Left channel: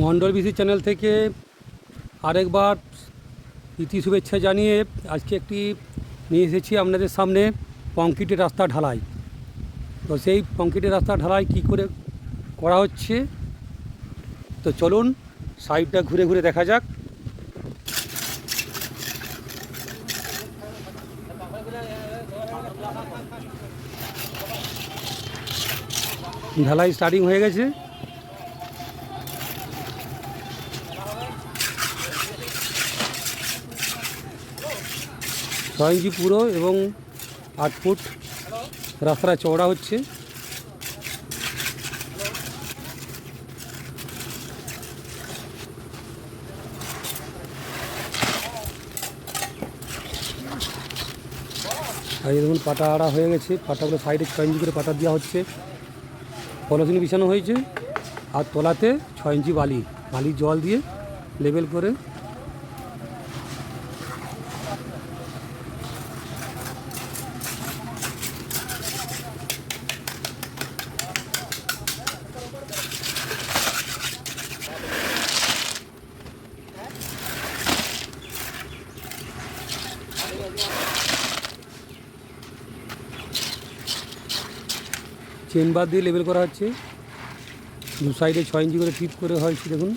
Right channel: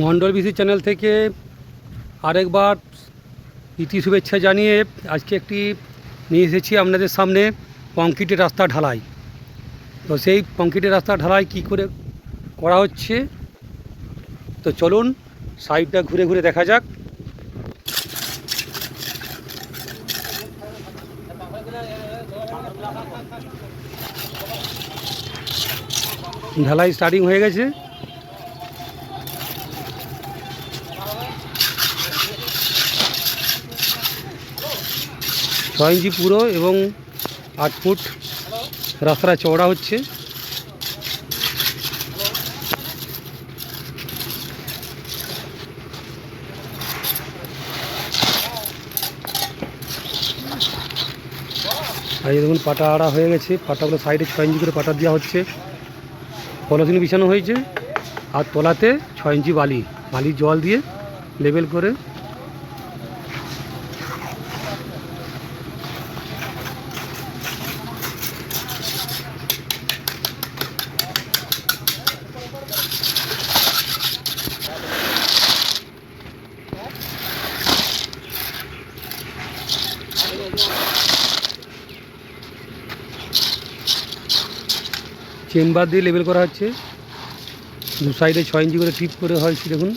Mondal BC channel থেকে আরেকবার প্রীতি শুভেচ্ছা জানিয়ে আজকে একটি নিয়ে এসেছি আপনাদের সামনে কংক্রিটের রাস্তা ঢালাই। তো সেই কংক্রিটের রাস্তা ঢালাই কি করে করা হচ্ছে, তো চলুন সাইডটা ঘুরে ঘুরে দেখা যাক। ঢালাই স্টার্টিং হয়ে গেছে। ছয় ইঞ্চি পুরো এবং 8 ফুট রাস্তাটা চওড়া হচ্ছে। আর এই দেখুন পাটা আড়া হয়ে গেছে, পাটাগুলো সাইডে 6 ইঞ্চি করে পাটা দেওয়া হচ্ছে, পলিথিন বিছানো হয়েছে আর তলাতে 6 ইঞ্চি বালির জল দিয়ে লেবেল করে চেম্বার দিয়ে লেবেল করা হচ্ছে। দু সাইডে 6 ইঞ্চি করে টিপ করে হয়েছে দেখুন।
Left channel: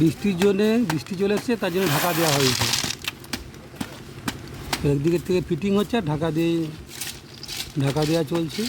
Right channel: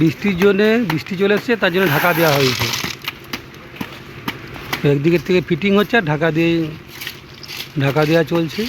বৃষ্টি চলে এসছে, তার জন্য ঢাকা দেওয়া হয়েছে। একদিকের থেকে ফিটিং হচ্ছে আর ঢাকা দেওয়া চলছে।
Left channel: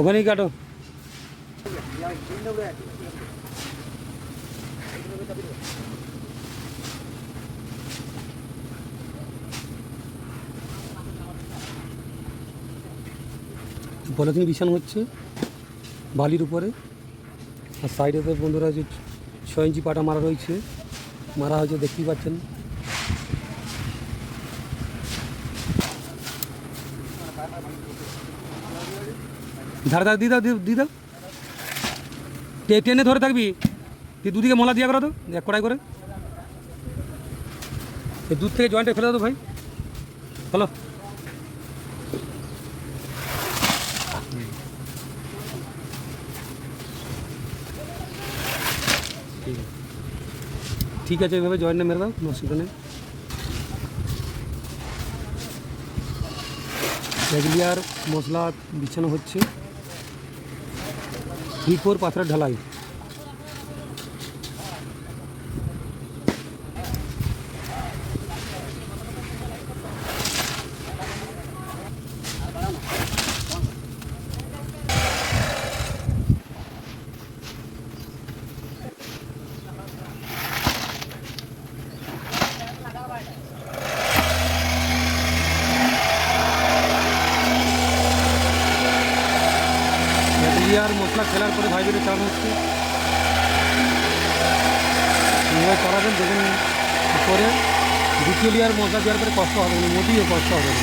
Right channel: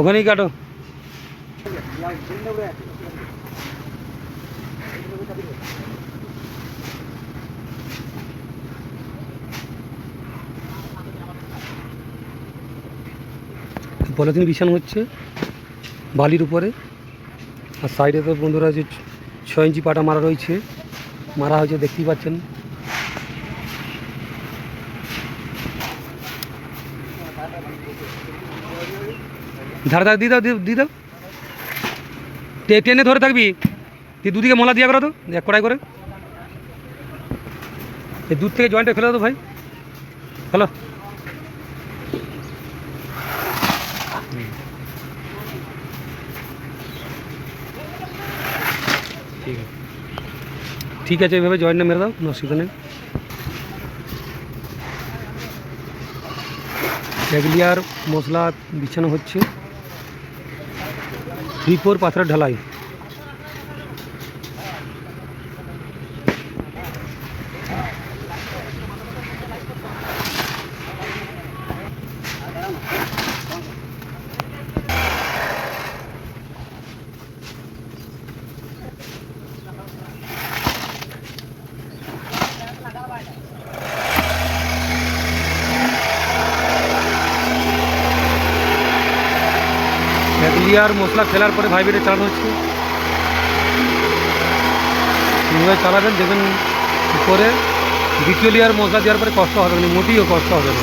ওখানেই কাটো। পলিথিন বিছানো হচ্ছে বালির উপরে, আর সাইডে তো বন্ধুরা যে 6 ইঞ্চি পাটা মারা হয়েছে, দেখতেই পাচ্ছেন। ধার দিয়ে দাও, টেনে ধরে থাকবি, তুই দুদিকে মোলা দিয়া করো তো, এক কড়াই করে এই দুধ থেকে জয়েন্টে ফেলে দাও ভাই, হ্যালো। ঠিক আছে, এইভাবে জয়েন্টটা মেরে দাও, কোনো অসুবিধা নেই। এক লেয়ার মশলা বিছানো হচ্ছে, 3-4 পাথরের ঢালাই। লেয়ার মশলা ফেলার পরে ভাইবেটে চালানো হচ্ছে। এইভাবে চালাবেন, দেখবেন উপরে দ্বিতীয় লেয়ার মশলা দেওয়ার পরে কষ্ট হবে না, মোটেও কষ্ট হবে না।